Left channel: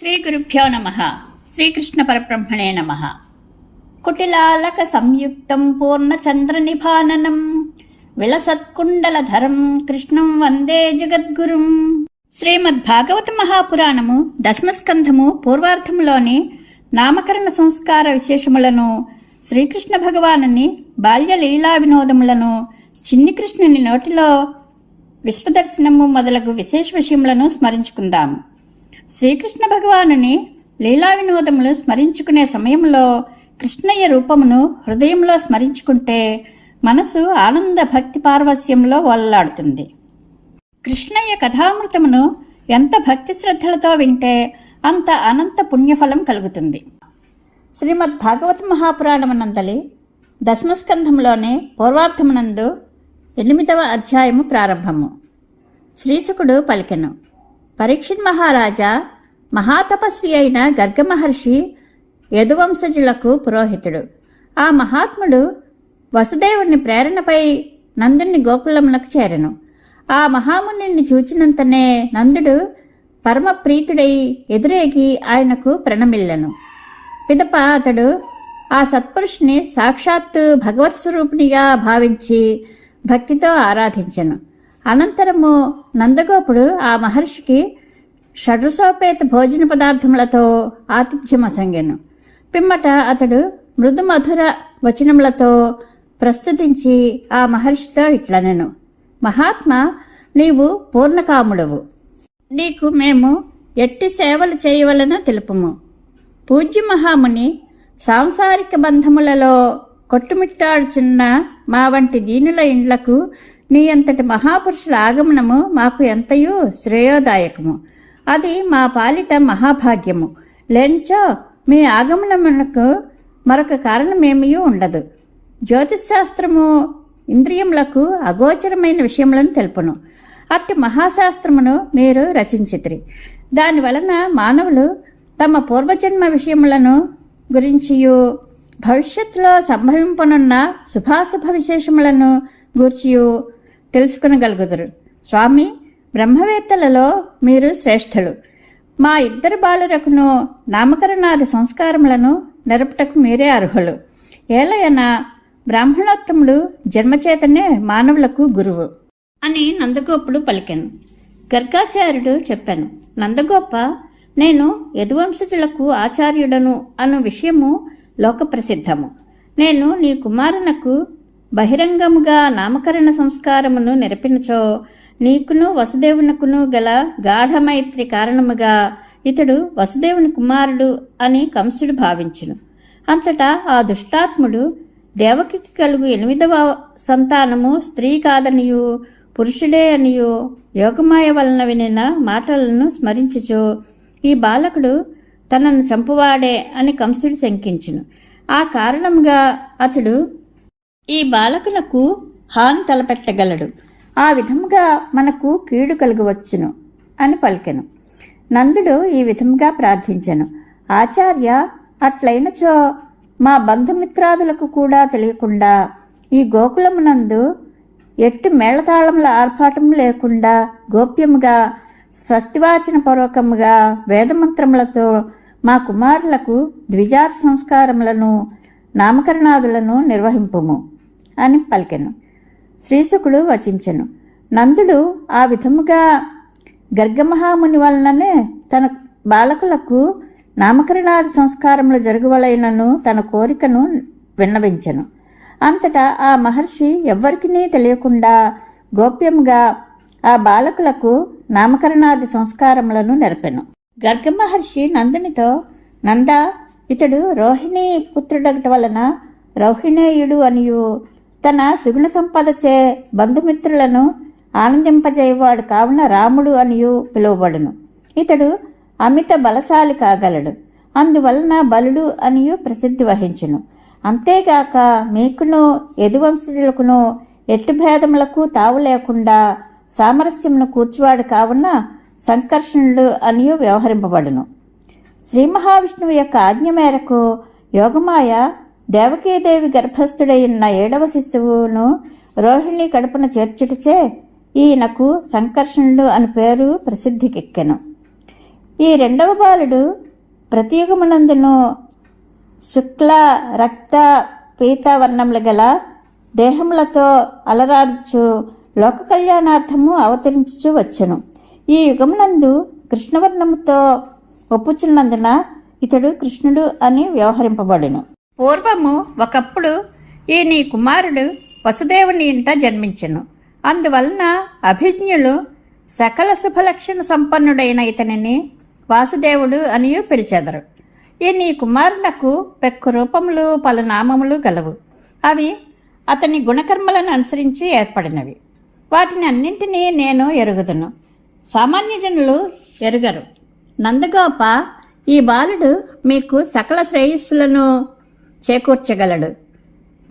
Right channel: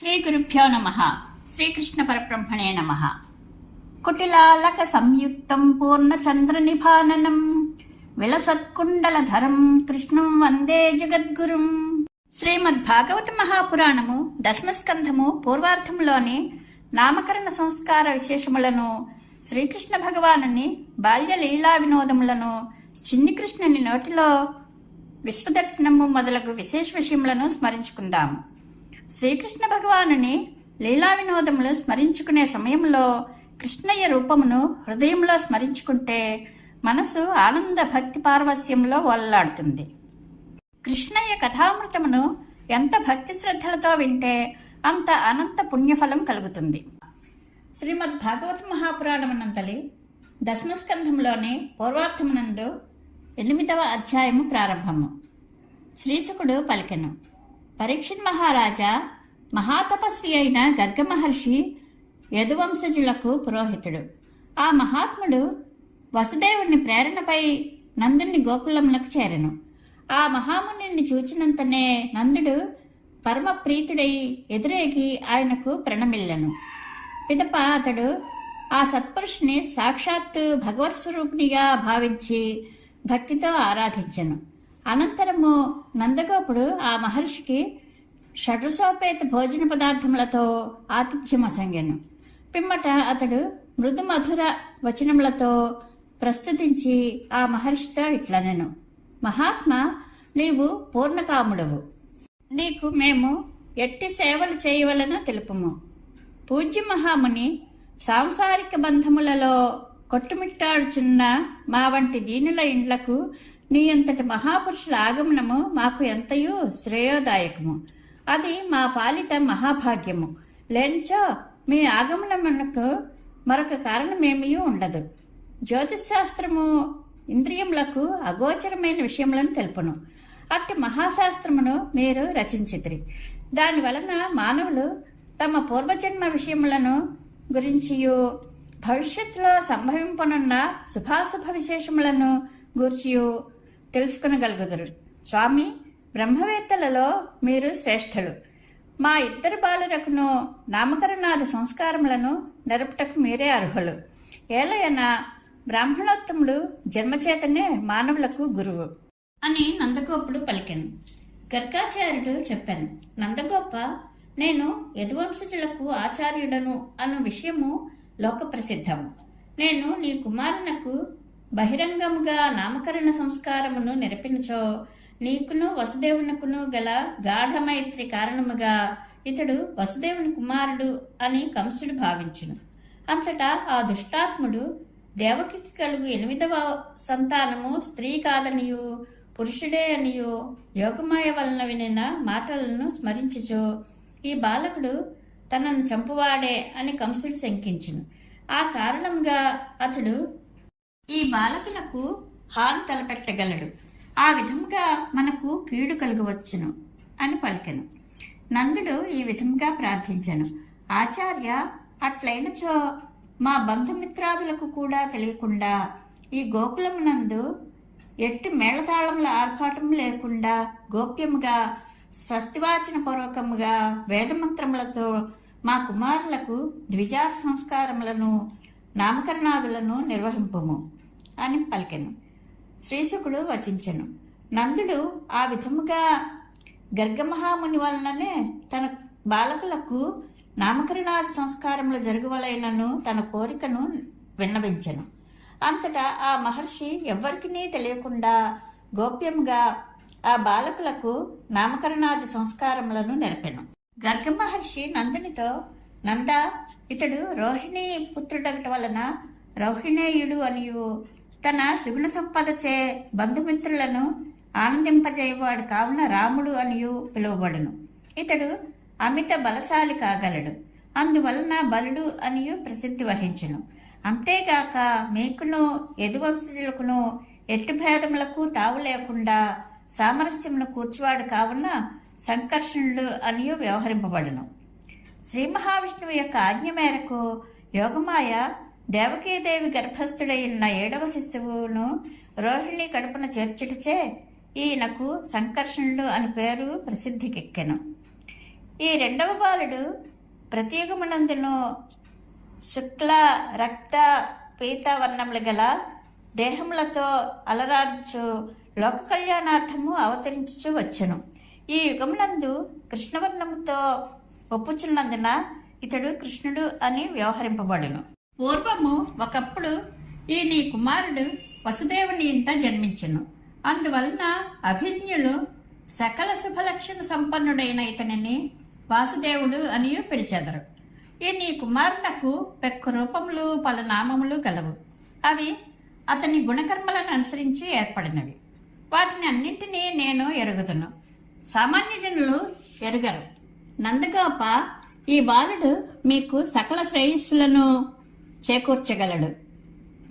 శ్రీ గురుభ్యో నమః. శ్రీకృష్ణ పరబ్రహ్మణే నమః. కుటిలాలక సంయుక్తం పూర్ణచంద్రనిభాననం విలసత్కుండలధరం కృష్ణం వందే జగద్గురుం. శ్రీమద్భాగవత మహాపురాణము దశమస్కంధము పూర్వార్ధములోని నామకరణ సంస్కార విశేషములను, శ్రీకృష్ణ భగవానుని బాల్య లీలా వినోదములను, చిన్ని కృష్ణుని నోటిలో విశ్వదర్శనము మొదలగు విశేష విషయములను స్మరించుకుందాం. శ్రీకృష్ణ భగవానుని లీలా వినోదములు స్మరించుకునే సమయంలో కృష్ణయ్య రూపమును హృదయంలో స్మరించుకుంటే మనసు ఆనంద భక్తి పారవస్యంలో ఓలలాడుతుంది. కృష్ణయ్య కథామృతమును ఎంత భక్తి శ్రద్ధలతో వింటే అంత అనంత పుణ్యఫలం కలుగుతుంది. శ్రీమద్ భాగవత మహాపురాణమునందలి దశమస్కంధంలోని పూర్వార్థమునందు 8వ అధ్యాయము ప్రారంభము. శ్రీశుకుడు పలికెను. పరీక్షిత్ మహారాజా, మహాతపస్వి అయిన గర్గ మహర్షి యదువంశజులకు పురోహితుడు. ఆ మహాత్ముడు వసుదేవుని ప్రేరణపై నందుని గోకులములకు చేరెను. ఆ మహాముని చూచినంతనే నందుడు పరమ ప్రీతుడై ఎదురేగి ఆయనకు ప్రణమిల్లెను. పిదప అతడు ఆ సత్పురుషుని సాక్షాత్తు భగవత్ స్వరూపిణిగా భావించి భక్తితో ఆరాధించెను. అనంతరము నందగోపుడు ఆ మహర్షికి షడ్రసోపేత భోజన పదార్థములతో ఆతిథ్యమసంగెను. పిమ్మట అతడు మృదు మధుర వచనములతో ప్రస్తుతించి ఆ మహర్షితో ఇట్లనెను. మహాత్మా, నీవు పూర్ణకాముడవు. నీకు మేము ఎట్టి సేవలు చేయవలనో తెలుపుము. పూజ్య మహాముని, సాంసారిక బంధములలో కొట్టుమిట్టాడుచున్న మా వంటి దీనుల ఇండ్లకు నీ అంతటి మహాపురుషుల ఆగమనము మాకు ఎంతయూ శ్రేయోదాయకము. అది మా పాలిట మహాభాగ్యము. లేనిచో మీ ఆగమనమునకు మరొక కారణమేమీ ఉండదు. జ్యోతిశాస్త్రము ఇంద్రియములకు అగోచరమైన విషయములను తెలుపును. అట్టి మహాశాస్త్రమును మీరు రచించితిరి. దానివలన మానవులు తమ పూర్వజన్మ విషయములను గురించియు భవిష్యత్తులో సంభవింపనున్న శుభాశుభ విశేషములను గూర్చియు తెలుసుకునగలుగుదురు. స్వామి, బ్రహ్మవేత్తలలో మీరు శ్రేష్ఠులు. మా ఇద్దరు బాలురకును నామకరణాది సంస్కారములను నెరపుటకు మీరే అర్హులు. ఏలయన బ్రాహ్మణోత్తముడు జన్మచేతనే మానవులకు గురువు అని నందగోపుడు పలికెను. గర్గాచార్యుడు చెప్పాను. నందగోప, నేను యదువంశజులకు ఆచార్యుడను అను విషయము లోకప్రసిద్ధము. నేను నీ కుమారునకు బహిరంగముగా నామకరణ సంస్కారమును నెరపినచో నీకును వసుదేవునకును గల గాఢమైత్రి కారణముగా ఇతడు వసుదేవుని కుమారుడు అని కంసుడు భావించును. అంతటా ఆ దుష్టాత్ముడు దేవకికి కలుగు 8వ సంతానము స్త్రీ కాదనియు పురుషుడే అనియు యోగమాయ వలన వినిన మాటలను స్మరించుచు ఈ బాలకుడు తనను చంపువాడే అని కంసుడు శంకించును. ఆ కారణముగా అతడు ఈ బాలకులకు హాని తలపెట్టగలడు. ఆ విధముగా మనకు కీడు కలుగవచ్చును అని పలికెను. నందుడు ఈ విధముగా ప్రార్థించెను. ఆచార్య, అట్లయినచో మా బంధుమిత్రాదులకు కూడా తెలియకుండా ఈ గోకులమునందు ఎట్టి మేళతాళముల ఆర్భాటం లేకుండా గోప్యముగా స్వస్తివాచన పూర్వకముగా వేదమంత్రములతో మా కుమారులకు ద్విజాత సంస్కారములను నామకరణాదులను నిర్వహింపుము అని పలికెను. శ్రీశుకుడు వచించెను. నందుడు ఆ విధముగా గర్గమహాముని వలననే తన బాలకులకు నామకరణాది సంస్కారములు జరుగువలైనను తన కోరికను విన్నవించెను. అంతటా ఆ మహర్షి ఎవ్వరికీ తెలియకుండా గోప్యంగా ఆ బాలకులకు నామకరణాది సంస్కారములను నెరపెను. గర్గమహర్షి నందునితో, నంద, ఇతడు రోహిణీ పుత్రుడగట వలన రౌహిణేయుడు అనియు తన సుగుణ సంపదచే బంధుమిత్రులను ఆనందింపజేయవాడు కావున రాముడు అనియు పిలువబడును. ఇతడు అమిత బలశాలి కాగలడు. అందువలన బలుడు అనియు ప్రసిద్ధి వహించును. అంతేగాక మీకును యదువంశజులకును ఎట్టి భేదములకు తావు లేకుండా సామరస్యమును కూర్చువాడు కావున సంకర్షణుడు అనియు వ్యవహరింపబడును. శ్రీ మహావిష్ణువు యొక్క ఆజ్ఞ మేరకు యోగమాయ దేవకీదేవి గర్భస్థుడైన 7వ శిశువును రోహిణి కడుపున చేర్చుటచే ఈయనకు సంకర్షణుడు అని పేరు ప్రసిద్ధికెక్కెను. ఈ రెండవ బాలుడు ప్రతియుగమునందును శుక్ల రక్త పీతావర్ణములు గల దేహములతో అలరాడుచు లోక కళ్యాణార్థము అవతరించుచు వచ్చెను. ఈ యుగమునందు కృష్ణవర్ణముతో ఒప్పుచున్నందున ఇతడు కృష్ణుడు అని వ్యవహరింపబడును. పూర్వము ఒకప్పుడు ఈ నీ కుమారుడు వసుదేవుని ఇంట జన్మించెను. అందువలన అభిజ్ఞులు సకల శుభలక్షణ సంపన్నుడైన ఇతనిని వాసుదేవుడు అని పిలిచెదరు. ఈ నీ కుమారునకు పెక్కు రూపములు పలు నామములు గలవు. అవి అతని గుణకర్మలను అనుసరించి ఏర్పడినవి. వాటిని అన్నింటినీ నేను ఎరుగుదును, సామాన్య జనులు ఎరుగరు. నందగోప, ఈ బాలుడు మీకు సకల శ్రేయస్సులను చేకూర్చగలడు.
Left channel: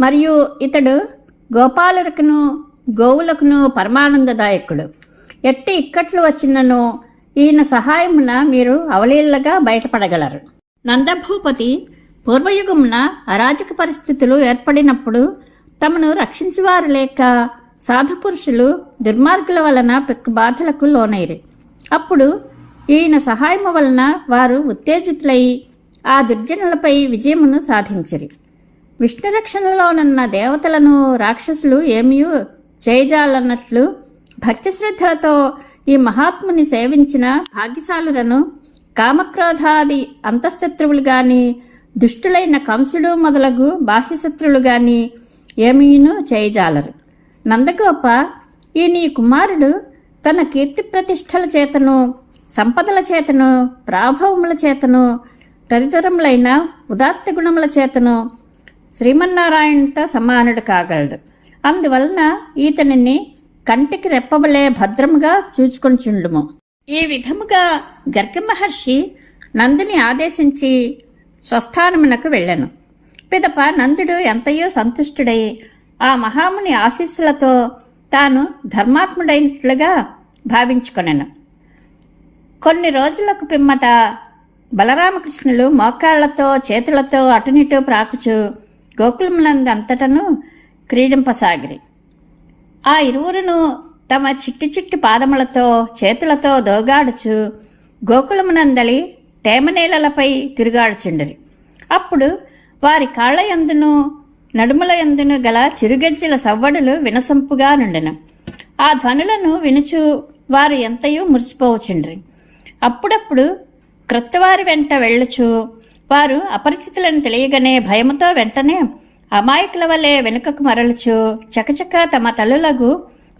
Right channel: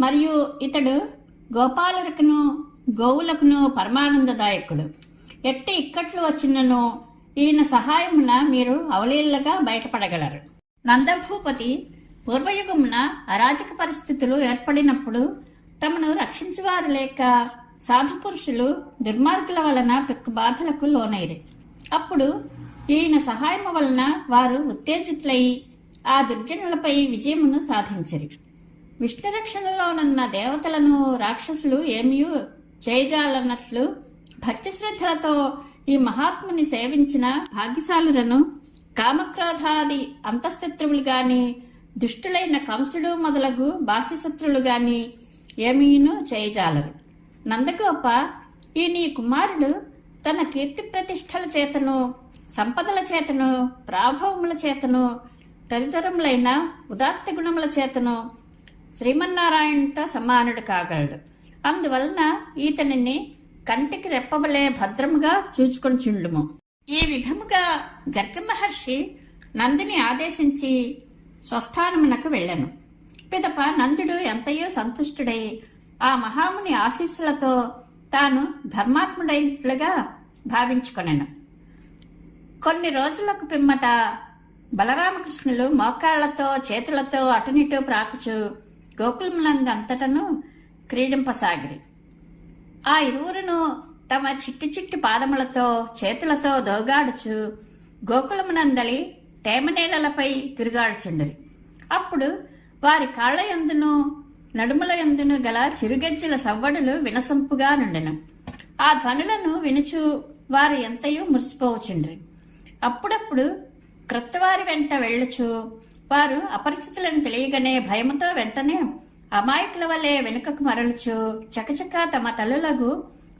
మరియు ఇతడు గోపాలులకును గోవులకును పరమానందదాయకుడు. ఎట్టి ఇక్కట్లు వచ్చినను ఈయన సహాయమున మీరు అవలీలగా బయటపడగలరు. నందభూపతి పూర్వయుగమున అరాజక పరిస్థితులు ఏర్పడినప్పుడు తమను రక్షించువారు లేక సాధుపురుషులు దుర్మార్గుల వలన పెక్కు బాధలకు లోనైరి. అప్పుడు ఈయన సహాయము వలన వారు ఉత్తేజితులై ఆ దుర్జనులపై విజయమును సాధించిరి. విష్ణు రక్షణలోనున్న దేవతలను రాక్షసులు ఏమీ చేయజాలన్నట్లు భక్తి శ్రద్ధలతో ఈ మహాత్ముని సేవించిన భాగ్యశాలులను కామక్రోధాది అంతఃశత్రువులు గాని దుష్టులైన కంసుడు మొదలగు బాహ్యశత్రువులు గాని ఏమీను చేయజాలరు. నందగోప, ఈ నీ కుమారుడు తన కీర్తి ప్రతిష్టల చేతను సంపదల చేతను ప్రాభవముల చేతను తదితరములైన ఉదాత్త గుణముల చేతను శ్రీమన్నారాయణతో సమానుడు కాగలడు. అందువలన ఈతనిని కంటికి రెప్పవలే భద్రముగా చూచుకొనిచుండుము. ఈ విధముగా గర్గ మహర్షి నందుని ఆదేశించి స్వస్థానమునకు వెళ్ళెను. పిదప నందుడు ఎంతయో సంతుష్టుడై ఆ మహాముని ఆశీస్సులతో తాను ధర్మాత్ముడైనట్లుగా భావించుకొనెను. కొన్ని రోజులకు పిమ్మట బలరామకృష్ణులు మోకాళ్లతో చేతులతో అటునిటూ ప్రాకుచు గోకులములందంతటను క్రీడింపసాగిరి. ఆ ఇరువురును తమ చిట్టి చిట్టి పాదములతో చేతులతో దోగాడుచు గోకులమునందలి తేమనేలలపై తిరుగాడుచుండిరి. అప్పుడు వారి కాళ్ల యందును నడుముల యందును గల చిరుగజ్జల సవ్వడులు వినసంపుగా నుండెను. ఆ ధ్వనులను వినుచు వారు ఎంతయో మురిసిపోవచుండ్రి. అప్పుడప్పుడు క్రొత్తవారి వెంట వెళ్ళుచు వారు అపరిచితులను తెలియగానే భయముతో వెంటనే అమాయకుల వలె వెనుకకు మరలుచు చకచక తమ తల్లులకు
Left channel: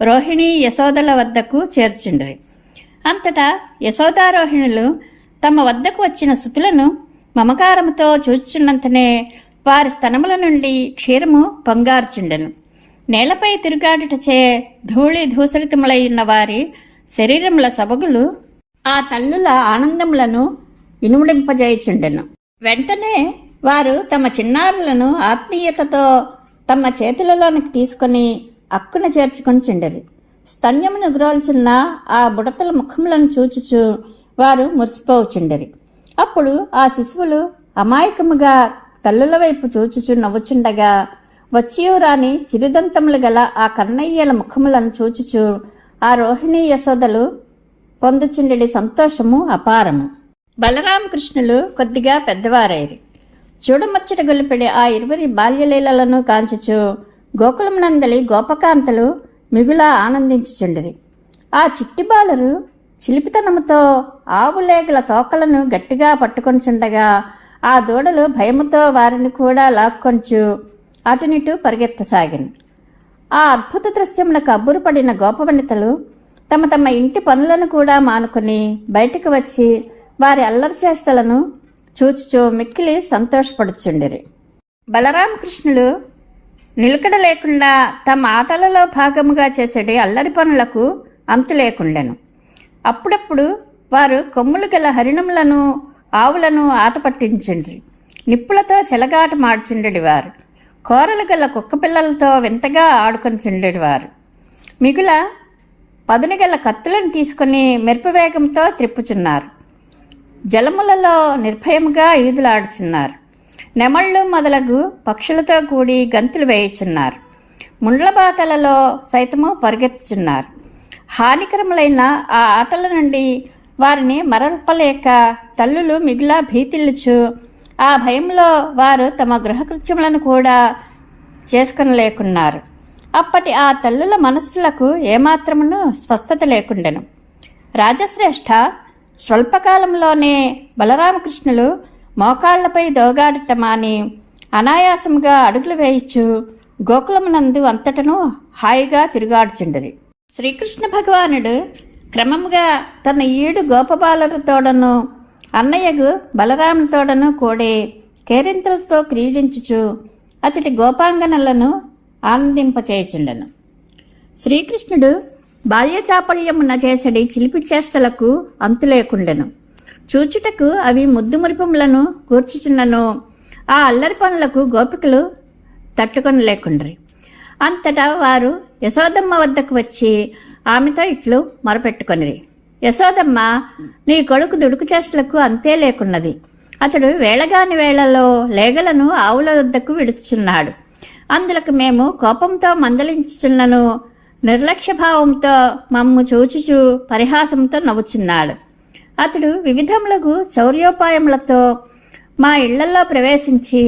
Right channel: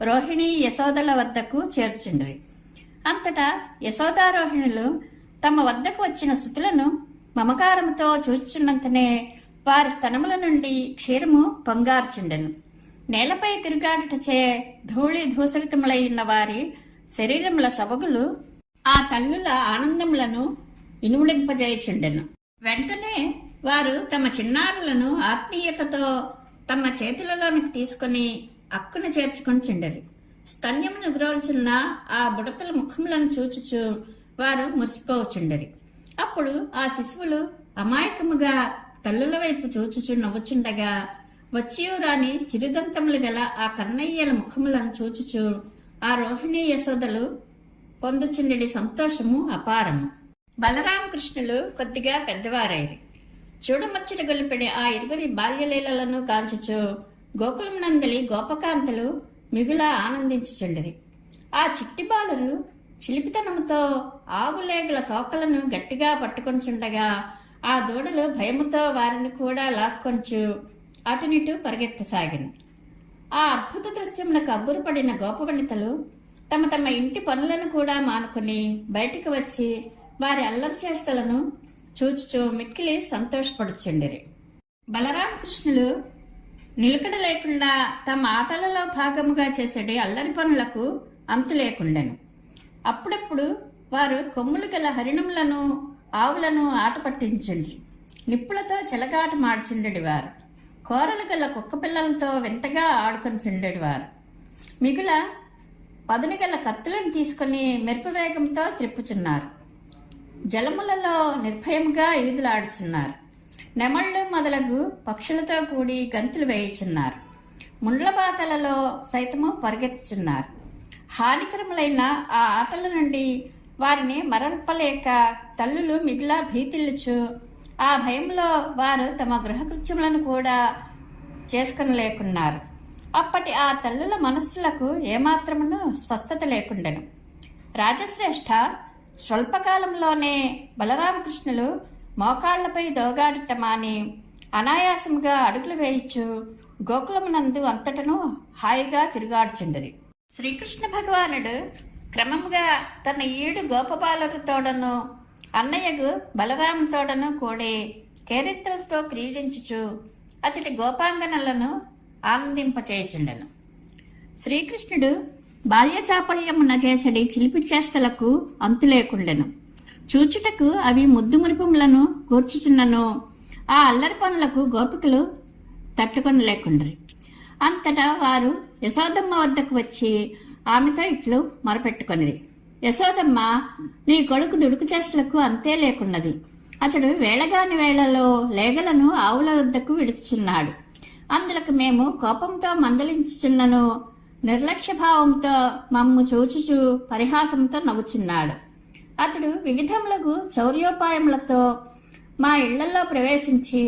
రోహిణి యశోదల వద్దకు చేర్చుండ్రి. అంతటా యశోదారోహిణులు తమ వద్దకు వచ్చిన సుతులను మమకారముతో చూచుచున్నంతనే వారి స్తనముల నుండి క్షీరము పొంగార్చుండెను. నేలపై తిరుగాడుటచే ధూళి ధూసరితములైన వారి శరీరముల సొబగులు ఆ తల్లుల ఆనందములను ఇనుముడింపజేయుచుండెను. వెంటనే వారు తమ చిన్నారులను ఆత్మీయతతో తమ చేతులలోనికి తీసుకుని అక్కున చేర్చుకొని చుండెరి. స్తన్యమును గ్రోల్చున్న ఆ బుడతల ముఖములను చూచుచు వారు మురిసిపోవుచుండెరి. అప్పుడు ఆ శిశువులు అమాయకముగా తల్లుల వైపు చూచుచు నవ్వుచుండగా వచ్చియూ రాని చిరుదంతములు గల ఆ కన్నయ్యల ముఖములను చూచుచు ఆ రోహిణీ యశోదలు పొందుచుండెడి సంతోషము అపారము. బలరామకృష్ణులు కొద్దిగా పెద్దవారైరి. చూడముచ్చట గొలిపెడి ఆ ఇరువురి బాల్యలీలలను కాంచుచు గోకులమునందలి గోపకాంతలు మిగులా ఆనందించుచుండిరి. ఆ చిట్టి బాలరు చిలిపితనముతో ఆవులేగల తోకలను గట్టిగా పట్టుకొనిచుండగా ఆ దూడలు భయముతో వారిని కూడా లాక్కొంచు అటునిటు పరిగెత్తసాగిన. ఆ అద్భుత దృశ్యములకు అబ్బురుపడిన గోపవనితలు తమ తమ ఇంటి పనులను కూడా మానుకుని బయటకు వచ్చి వారి అల్లరి చేష్టలను చూచుచూ మిక్కిలి సంతోషపడుచుండిరి. బలరామకృష్ణులు నిలకడ లేకుండా తమ ఆటలలో భాగముగా చేసేటి అల్లరి పనులకు అంతు లేకుండెను. అప్పుడప్పుడు వారు కొమ్ములు గల హరిణములను ఆవులను ఆట పట్టించుండ్రి. నిప్పులతో చెలగాట మాడుచుండెడివారు. కూరలు గల కుక్క పిల్లలతో వింతగా ఆడుకొనిచుండెడివారు. మిగుల పదును గల కత్తులను తీసుకుని మెరుపువేగంతో త్రిప్పుచున్నారు. జలములలో నిర్భయముగా ఈదులాడుచున్నారు. నెమళ్ళు మొదలగు పక్షులతో కూడి గంతులు వేయుచున్నారు. ముండ్లబాటలలో సైతము పరిగెత్తుచున్నారు. హానికరములైన ఆ ఆటల నుండి వారిని మరల్పలేక తల్లులు మిగిలా భీతిల్లుచు ఆ భయంలో వారు తమ గృహకృత్యములను కూడా చేసుకొనలేకున్నారు. అప్పటి ఆ తల్లుల మనస్సులకు ఏమాత్రమును స్వస్థత లేకుండెను. రాజశ్రేష్ఠ స్వల్పకాలంలోనే బలరామకృష్ణులు మోకాళ్లపై దోగాడటమాని అనాయాసముగా అడుగులు వేయిచు గోకులమునందు అంతటను హాయిగా తిరుగాడుచుండది. శ్రీకృష్ణ భగవానుడు క్రమముగా తన ఈడు గోపబాలులతోడను అన్నయ్యకు బలరాముతోడను కూడే కేరింతలతో క్రీడించుచు అతడి గోపాంగనలను ఆనందింపచేయుచుండెను. శ్రీకృష్ణుడు బాల్యచాపల్యమున చేసడి చిలిపి చేష్టలకు అంతులేకుండెను. చూచుటకు అవి ముద్దు మురిపములను కూర్చుచున్నను ఆ అల్లరి పనులకు గోపికలు తట్టుకొనలేకుండ్రి. అంతటా వారు యశోదమ్మ వద్దకు వచ్చి ఆమెతో ఇట్లు మొరపెట్టుకొనిరి. యశోదమ్మ, నీ కొడుకు దుడుకు చేష్టలకు అంతే లేకున్నది. అతడు వేళగాని వేళలో లేగలను ఆవుల వద్దకు విడుచున్నాడు. అందులకు మేము కోపంతో మందలించుచున్నను నిర్లక్ష్యభావంతో మమ్ము చూచుచు పరిహాసంతో నవ్వుచున్నాడు. అతడు వివిధములకు చౌర్యోపాయములతో మా ఇళ్లలో ప్రవేశించి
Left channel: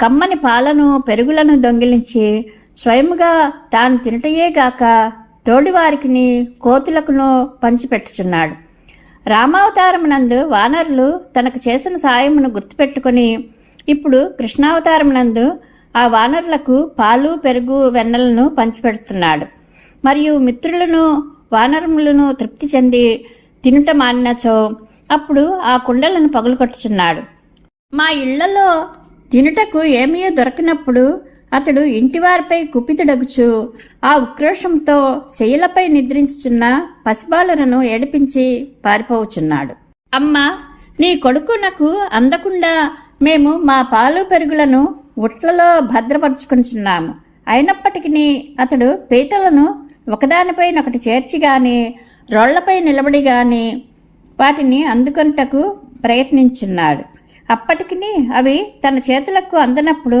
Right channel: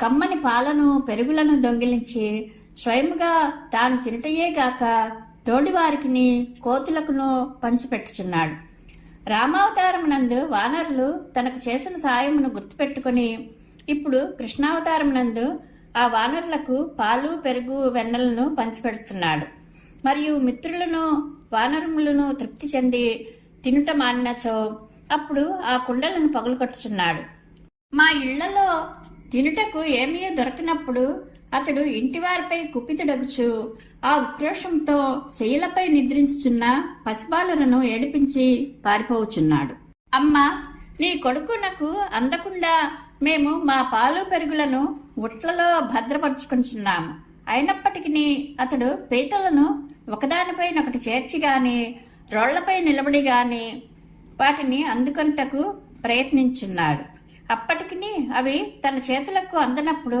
కమ్మని పాలను పెరుగులను దొంగిలించి స్వయముగా తాను తినటయేగాక తోడివారికిని కోతులకును పంచిపెట్టుచున్నాడు. రామావతారమునందు వానరులు తనకు చేసిన సాయమును గుర్తుపెట్టుకుని ఇప్పుడు కృష్ణావతారమునందు ఆ వానరులకు పాలు పెరుగు వెన్నలను పంచిపెడుతున్నాడు. మరియు మిత్రులను వానరములను తృప్తి చెంది తినుట మానినచో అప్పుడు ఆ కుండలను పగులుకొట్టుచున్నాడు. మా ఇళ్లలో తినుటకు ఏమీ దొరకినప్పుడు అతడు ఇంటివారిపై కుపితుడగుచు ఆ ఉక్రోషంతో శైలపై నిద్రించుచున్న పసిబాలులను ఏడిపించి పారిపోవచ్చున్నాడు. అమ్మా, నీ కొడుకు నాకు అందకుండా మేము మా పాలు పెరుగులను ఉట్లలో భద్రపరుచుకుంటున్నాము. అయినప్పటికీ అతడు పీటలను ఒకదానిపైనొకటి చేర్చి గాని రోళ్లపై నిలబడి గాని వాటిని అందుకొనుటకు ప్రయత్నించున్నాడు. అప్పటికి అవి తన చేతులకు అందనప్పుడు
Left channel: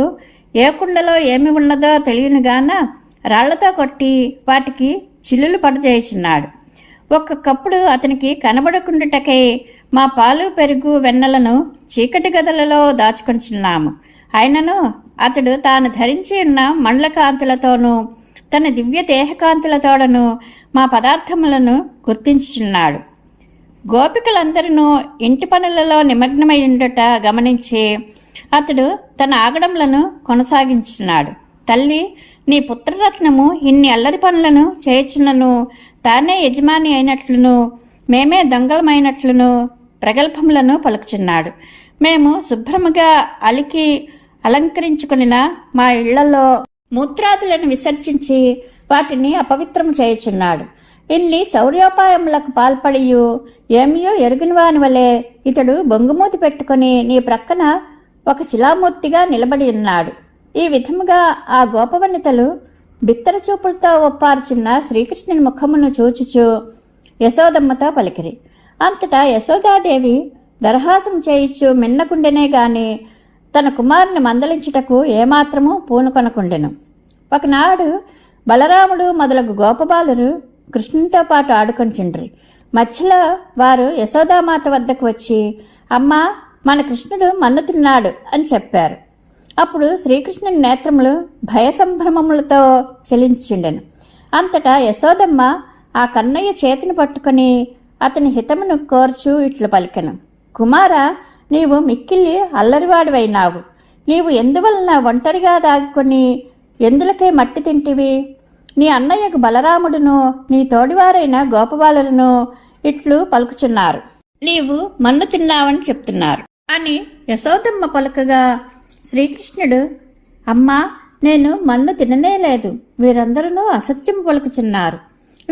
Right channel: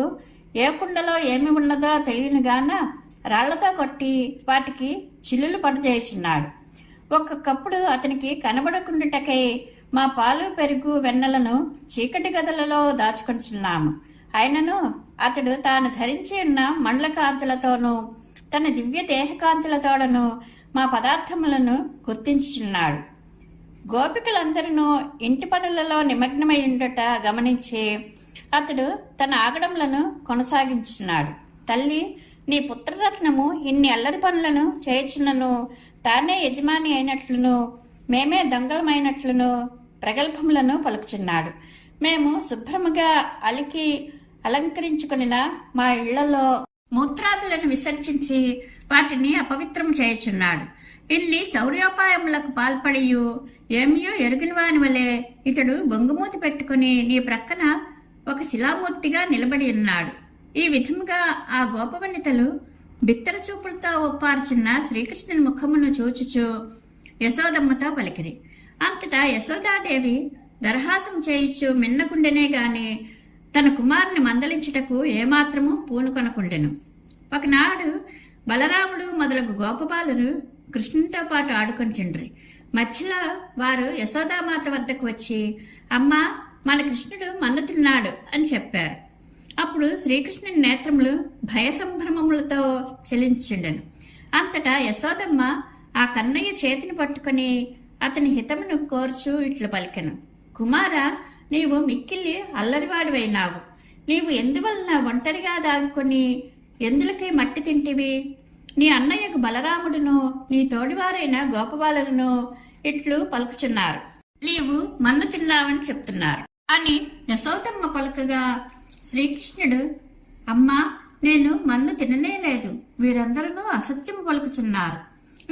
ఏ కుండలో ఏమి ఉన్నదో తెలియనుగాన రాళ్లతో కొట్టి వాటికి చిల్లులు పడజేయుచున్నాడు. ఒక్కొక్కప్పుడు అతనికి కనబడకుండుటకై మా పాలు పెరుగు వెన్నలను చీకటి గదులలో దాచుకొంచున్నాము. అయినను అతడు తాను ధరించి ఉన్న మండల కాంతులతోనూ తన దివ్య దేహకాంతులతోడను మా పదార్థములను గుర్తించుచున్నాడు. గోపికలందరూ ఇంటి పనులలో నిమగ్నమైండుట గమనించి అతడు తన ఆగడములను కొనసాగించున్నాడు. తల్లి, నీ పుత్రరత్నము ఇన్ని అల్లరి పనులను చేయుచున్నను తానే యజమాని అయినట్లును మేమే దొంగలమైనట్లును ప్రగల్భములను పలుకుచున్నాడు. మేము శుభ్రముగా అలికి అలంకరించుకునిన మా ఇళ్లలో మూత్రాదులను విసర్జించి వాటిని అపవిత్రము చేయుచున్నాడు. ఇన్ని చౌర్యోపాయములకు పాల్పడియు ఏమియో ఎరుగిన వాని వలె ఇతడు బొంగుమూతి పెట్టుకుని నీ ప్రక్కన ఒక శిలామూర్తిగా నిలబడి ఉన్నాడు. ఈ విధముగా ఆ గోపవనితలు బిత్తర చూపులతో ఒప్పార్చున్న శ్రీకృష్ణుని ముఖమును చూచుచు యశోదమ్మతో పలికిరి. అంతటా యశోదాదేవి దరహాసం చేయిచు మిన్నకుండెనే గాని తన కుమారుని మందలించుటకు ఏమాత్రము పూనుకొనకుండెను. ఒకనాడు బలరాముడు మొదలగు గోపబాలురు కృష్ణునితో పాటు ఆడుకొంచుండ్రి. మధ్యలో వారు యశోదామాత వద్దకు వచ్చి, అమ్మా, మన కృష్ణుడు మన్ను తిన్నాడు అని చెప్పారు. అప్పుడు శ్రీకృష్ణుని నేత్రములు భయసంభ్రమములతో చెలించుండెను. అంతటా యశోదమ్మ ఆ కన్నయ్య చేతిని పట్టుకుని అతని హితమును కోర్చు ఇట్లు పలికెను. కుమారా, నీవు మిక్కిలి అల్లరివాడివైనావు. నీవు ఎందువలన ఒంటరిగా దాగుకొని ఎందులకై మట్టి తింటివి? నీ అన్నయ్యకు బలరాముడును నీ తోడివారైన గోపబాలురును ఇట్లు పలుకుచున్నారు. నీవు మన్ను తిన్నావని చెప్తున్నారు అని యశోదమ్మ పలుకగా శ్రీకృష్ణుడు, అమ్మా, నేను మన్ను తిననేలేదు. వీరందరూ అసత్యము పలుకుచున్నారు.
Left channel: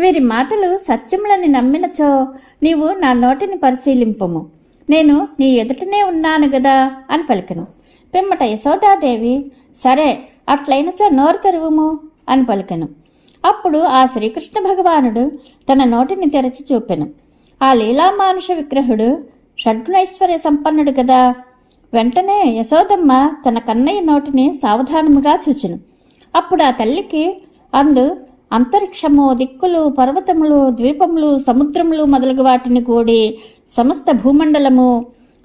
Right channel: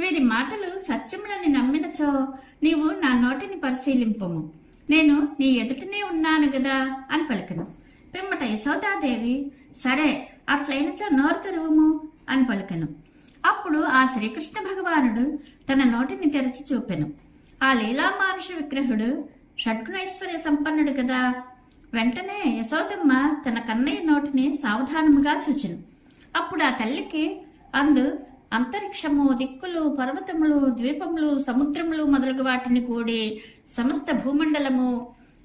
వీరి మాటలు సత్యములని నమ్మినచో నీవు నా నోటిని పరిశీలింపుము. నేను నీ ఎదుటనే ఉన్నాను గదా అని పలికెను. పిమ్మట యశోదాదేవి, సరే, అట్లయినచో నోరు తెరువుము అని పలికెను. అప్పుడు ఆ శ్రీకృష్ణ భగవానుడు తన నోటిని తెరచి చూపెను. ఆ లీలామానుష విగ్రహుడు షడ్గుణైశ్వర్య సంపన్నుడు గదా. వెంటనే యశోదమ్మ తన కన్నయ్య నోటిని సావధానముగా చూచెను. అప్పుడు ఆ తల్లికి అందు అంతరిక్షము, దిక్కులు, పర్వతములు, ద్వీపములు, సముద్రములు మొదలగు వాటిని కూడి సమస్త భూమండలము,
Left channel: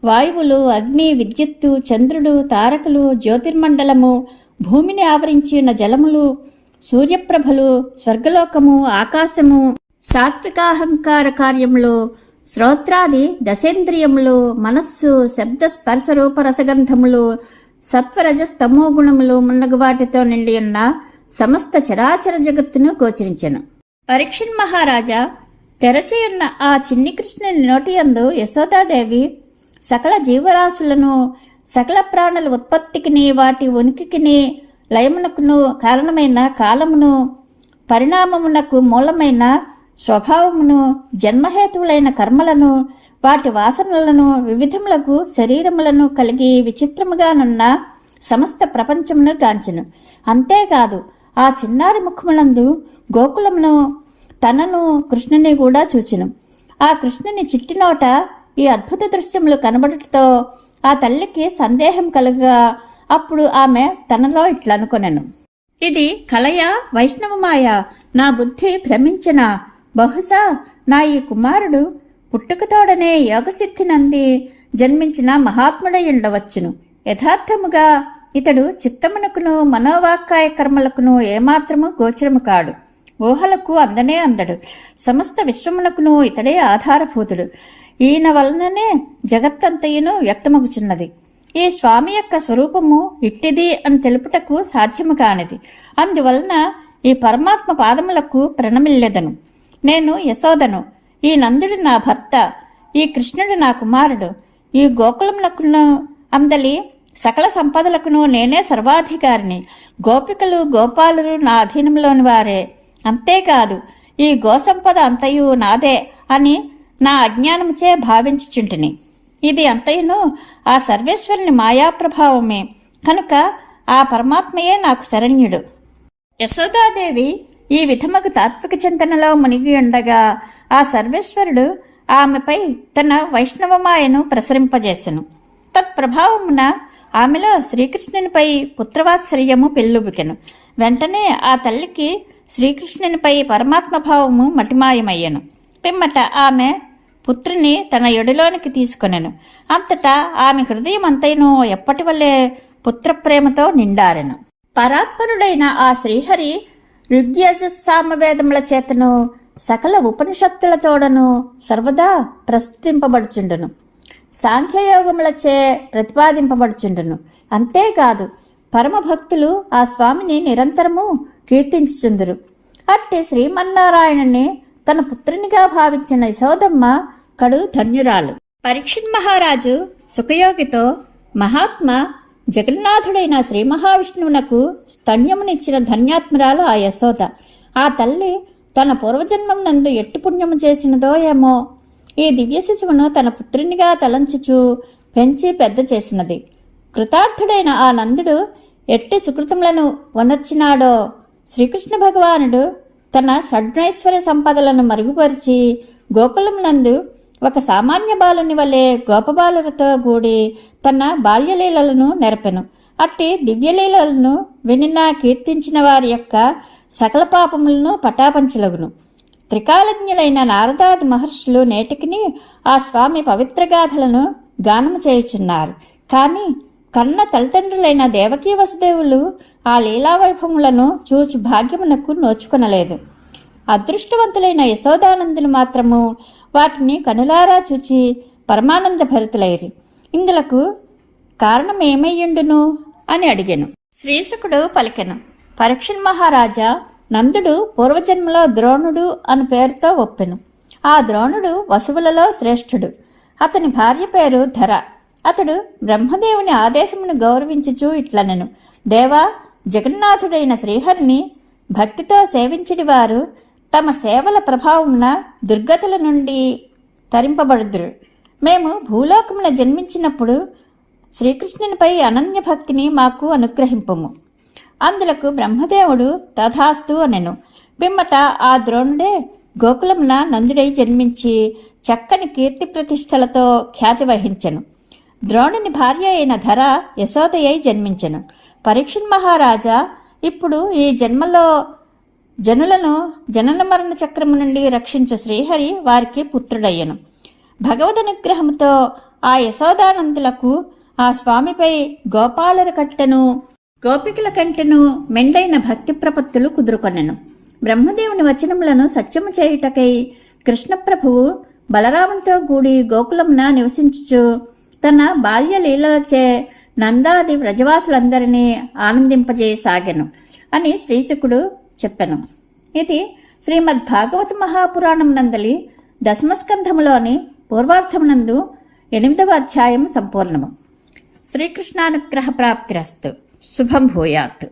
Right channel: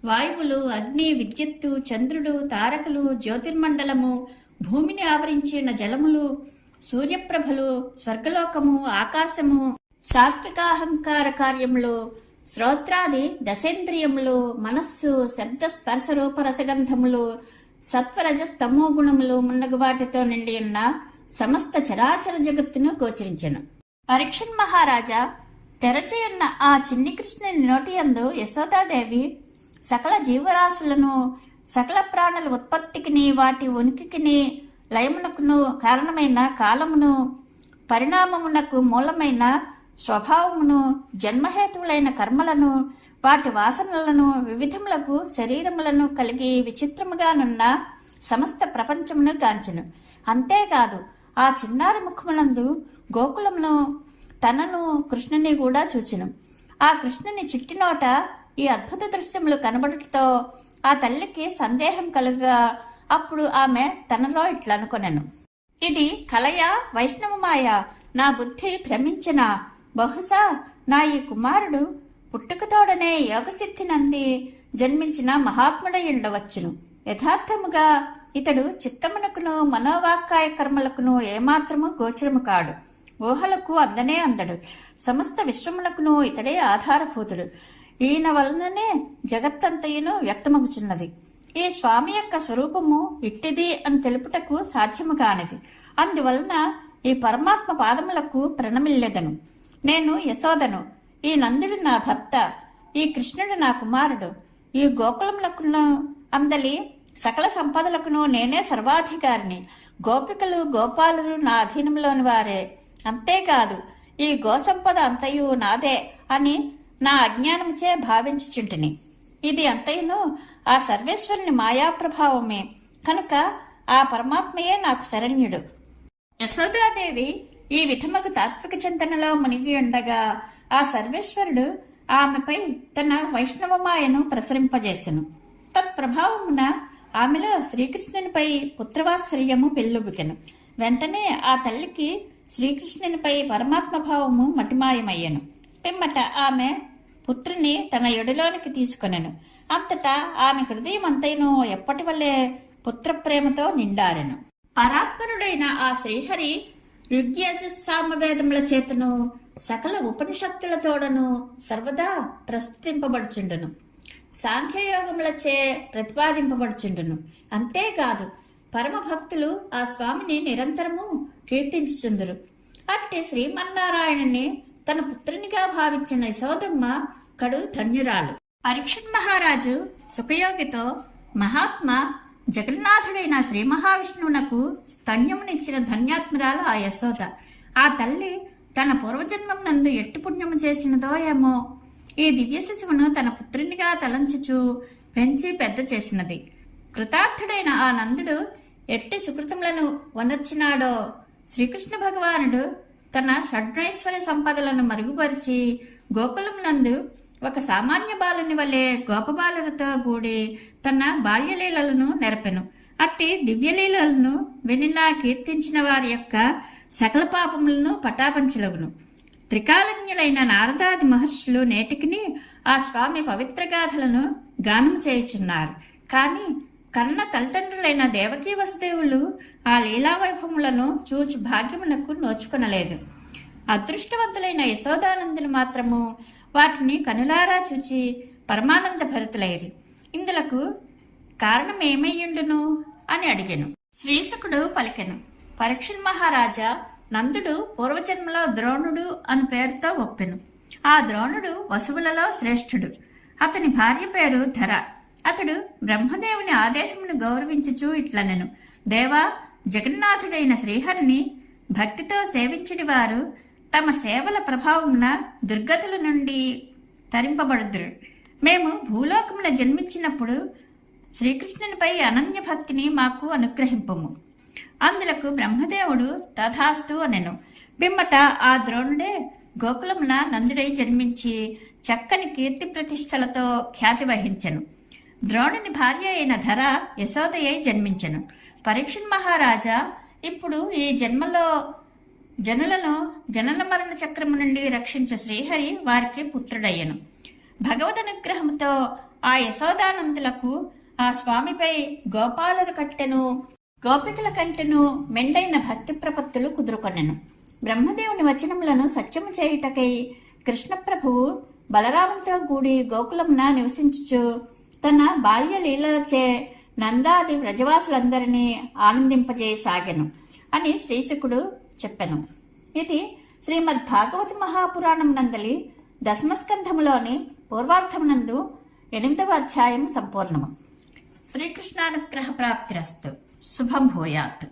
వాయువులు, అగ్ని, విద్యుత్తు, చంద్రుడు, తారకులు, జ్యోతిర్మండలము, భూమిని ఆవరించి ఉన్న జలములు, సూర్యప్రభలు, స్వర్గలోకము, ఆకాశము, సాత్వికాహంకార కార్యములు, శ్రోత్రాది దశేంద్రియములు, మనస్సు, శబ్ద స్పర్శ రూప రసగంధములు, సత్వరజస్తమో గుణములు మున్నగు వాటితో నిండి ఉన్న సమస్త చరాచర జగత్తును గోచరించెను. పరీక్షణ్ మహారాజా తెరచియున్న ఆ చిన్ని కృష్ణుని నోటియందు యశోదాదేవి సకల జీవరాశులను, సకల ప్రాణుల ఉత్పత్తికిని, వాటి ఉనికికిని, లయమునకును కారణమైన కాలమును, పరిణామమునకు మూలమైన స్వభావమును, జన్మహేతువులైన కర్మలను, వాటి వాసనలను, వివిధములకు శరీరములను కలిగి విచిత్రముగానున్న సమస్త ప్రపంచమును గాంచెను. అంతేకాదు ఆ చిన్నారి ముఖమునందు గోకులమును, తనను, కృష్ణుని కూడా చూచెను. ఆ కృష్ణుని చిట్టినోట ఈ అద్భుత దృశ్యములు కనబడుటతో ఆ తల్లికి సందేహం కలుగా అప్పుడు ఆమె తనలో ఇట్లనుకొనెను, ఇది కలయా వైష్ణవమాయ, నా బుద్ధి భ్రమించనా? బహుశా నా ఈ కుమారుడు పుట్టుకతోడనే యోగసిద్ధి నంది జన్మించిన మహాత్ముడై ఉండవచ్చును. యథార్థముగా ఇతడు చిత్తమునకును మనోవాక్కాయ కర్మలకును ఏమాత్రము గోచరము కాడు. ఊహలకు అందనే అందడు. సమస్త విశ్వమునకును ఇతడే ఆధారభూతుడు. ఈయన వలననే జగత్తంతయును వ్యక్తమగుచున్నది. ఈ స్వామి యొక్క స్వరూపము ఇట్టిది అని తెలుపుటకు సాధ్యము కానిది. అందువలన ఈ పరమాత్మ పాదములకు ప్రణమిల్లెదను. నేను యశోదను, ఈ నందుడు నా భర్త, ఈ కృష్ణుడు నా కుమారుడు. ఈ గోకులమునకును అందలి సకల సంపదలకును నేనే సర్వాధికారిని. గోపికలు, గోపాలురు నా అధీనంలోని వారే. అంతేకాదు ఈ గోసంపద అంతయు నాదే అని నా అజ్ఞానముచే భావించుచుంటిని. ఇది అంతయును ఆ సర్వేశ్వరుని మాయాప్రభావమే కనుక ఆ పరమాత్మయే నాకు శరణ్యుడు. యశోదాదేవి ఈ విధముకు తాత్విక చింతనలో మునిగి ఉండగా ఆ సర్వేశ్వరుడు ఆమెపై తన వైష్ణవమాయను ప్రసరింపజేసెను. తత్ప్రభావమున ఆమెలో శ్రీకృష్ణునిపై పుత్రవాత్సల్యము పెళ్ళుబుకెను. వెంటనే ఆ తల్లికి శ్రీకృష్ణునిపై పరమాత్మ భావము మటిమాయమయ్యను. పిమ్మట ఆమె పుత్రుని తన యొడిలోనికి తీసుకొనెను. అంతటా ఆమె హృదయం అంతైనో ఎప్పటి వల్లే పుత్రప్రేమతో నిండారెను. పరాత్పరుడైన ఆ శ్రీహరి ఋగ్యజుస్సామవేదముల చేతను సకల ఉపనిషత్తులతోడను సర్వదా ప్రస్తుతింపబడుచుండును. సాంఖ్యయోగములచే ప్రతిపాదింపబడుచుండును. అంతేకాదు పరమభక్తులు ఆ స్వామిని నిరంతరము కీర్తించుచుందురు. అట్టి శ్రీమన్నారాయణుని తన పుత్రునిగా భావించిన యశోదమ్మ కడు ధన్యురాలు. పరీక్షిత్ మహారాజు సుఖయోగితో, మహాత్మ జగన్నాథుడైన శ్రీ మహావిష్ణువునకు స్తన్యమునిచ్చిన ధన్యాత్మురాలు ఆ యశోద. ఆ తల్లి తన పూర్వజన్మం నందు ఎట్టి పుణ్యము చేసినదో ఏమో ఈ దివ్య శిశువును తన పుత్రునిగా తలంచుచూ పెంచి పెద్ద చేసినది. కృతార్థుడైన ఆ నందుడు ఎట్టి సుకృతములను వనర్చినాడో శ్రీకృష్ణ భగవానుడు తన షడ్మైశ్వర్య సంపదలను మరుగుపరిచి గోకులమునందు ఒక సామాన్య బాలుని వలె గోపబాలులతో కూడి తన బాల్యలీలలను నెరపెను. అట్టి దివ్యలీలలను వినిన కీర్తించిన వారి యొక్క సకల పాపములను పటాపంచలగును. త్రికాలజ్ఞులైన నారదాది మహర్షులు నేటికిని ఆ స్వామి పవిత్రగాథలను గానము చేయుచున్నారు. కానీ కన్న తల్లిదండ్రులైన దేవకీ వసుదేవులు ఆ లీలావైభవములను చూచి భాగ్యమునకు నోచుకొనలేదు. అదృష్టవంతులైన యశోదానందులు మాత్రము వాటిని కనులారా చూచి పరమానంద భరితులైరి. ఇందులకు కారణమేమయ్యుండును అని అడిగెను. శ్రీశుకుడు పలికెను, పరీక్షణ్ మహారాజా, నందుడు పూర్వజన్మలో ద్రోణుడు అని పేరుతో ఒప్పెను. ఆ ద్రోణుడు వసువులలో శ్రేష్ఠుడు. అతని భార్య పేరు ధర. అతడు బ్రహ్మదేవుని ఆదేశమును గౌరవించుచూ ఇట్లనెను, దేవా, జగన్నాథుడైన శ్రీహరిని భక్తితో సేవించడి వారు తమ సేవల ప్రభావమున దుర్గతుల నుండి తరింపబడుదురు. మేము భూలోకమున జన్మించినప్పుడు శ్రీకృష్ణునిపై అనన్య భక్తిని మాకు అనుగ్రహింపము. అందులకు బ్రహ్మదేవుడు తథాస్తు అనెను. పిమ్మట ఆ ద్రోణుడే గోకులమున నందుడై జన్మించి చక్కని కీర్తి ప్రతిష్టలతో ఖ్యాతి వహించెను. ద్రోణుని భార్య అయిన ధర యశోదయ్యై జన్మించెను. పరీక్షణ్ మహారాజా, ఇప్పుడు ఈ జన్మలో జనులను జనన మరణ చక్రము నుండి రక్షించు శ్రీహరి వారికి పుత్రుడయ్యను. భగవదనుగ్రహంతో ఆ యశోదానందులకు ఆ స్వామిపై గోపాలుల కట్టెను గోపికల కంటెను మెండైన భక్తి ప్రపత్తులు కుదురుకొనెను. బ్రహ్మదేవుని వచనములను సత్యము చేయుటకై కృష్ణప్రభువు బలరామునితో కూడి గోకులమున నివసించుచు తన బాల్య లీలలచే నందాది వ్రజవాసులందరినీ ఆనందింపజేయసాగెను అని శ్రీశుకుడు చెప్పెను. ఇది శ్రీమద్ భాగవత మహాపురాణం నందలి దశమస్కంధములోని పూర్వార్థమునందు 8వ అధ్యాయం సంపూర్ణము. శ్రీకృష్ణానుగ్రహ ప్రాప్తిరస్తు. శుభం భూయాత్.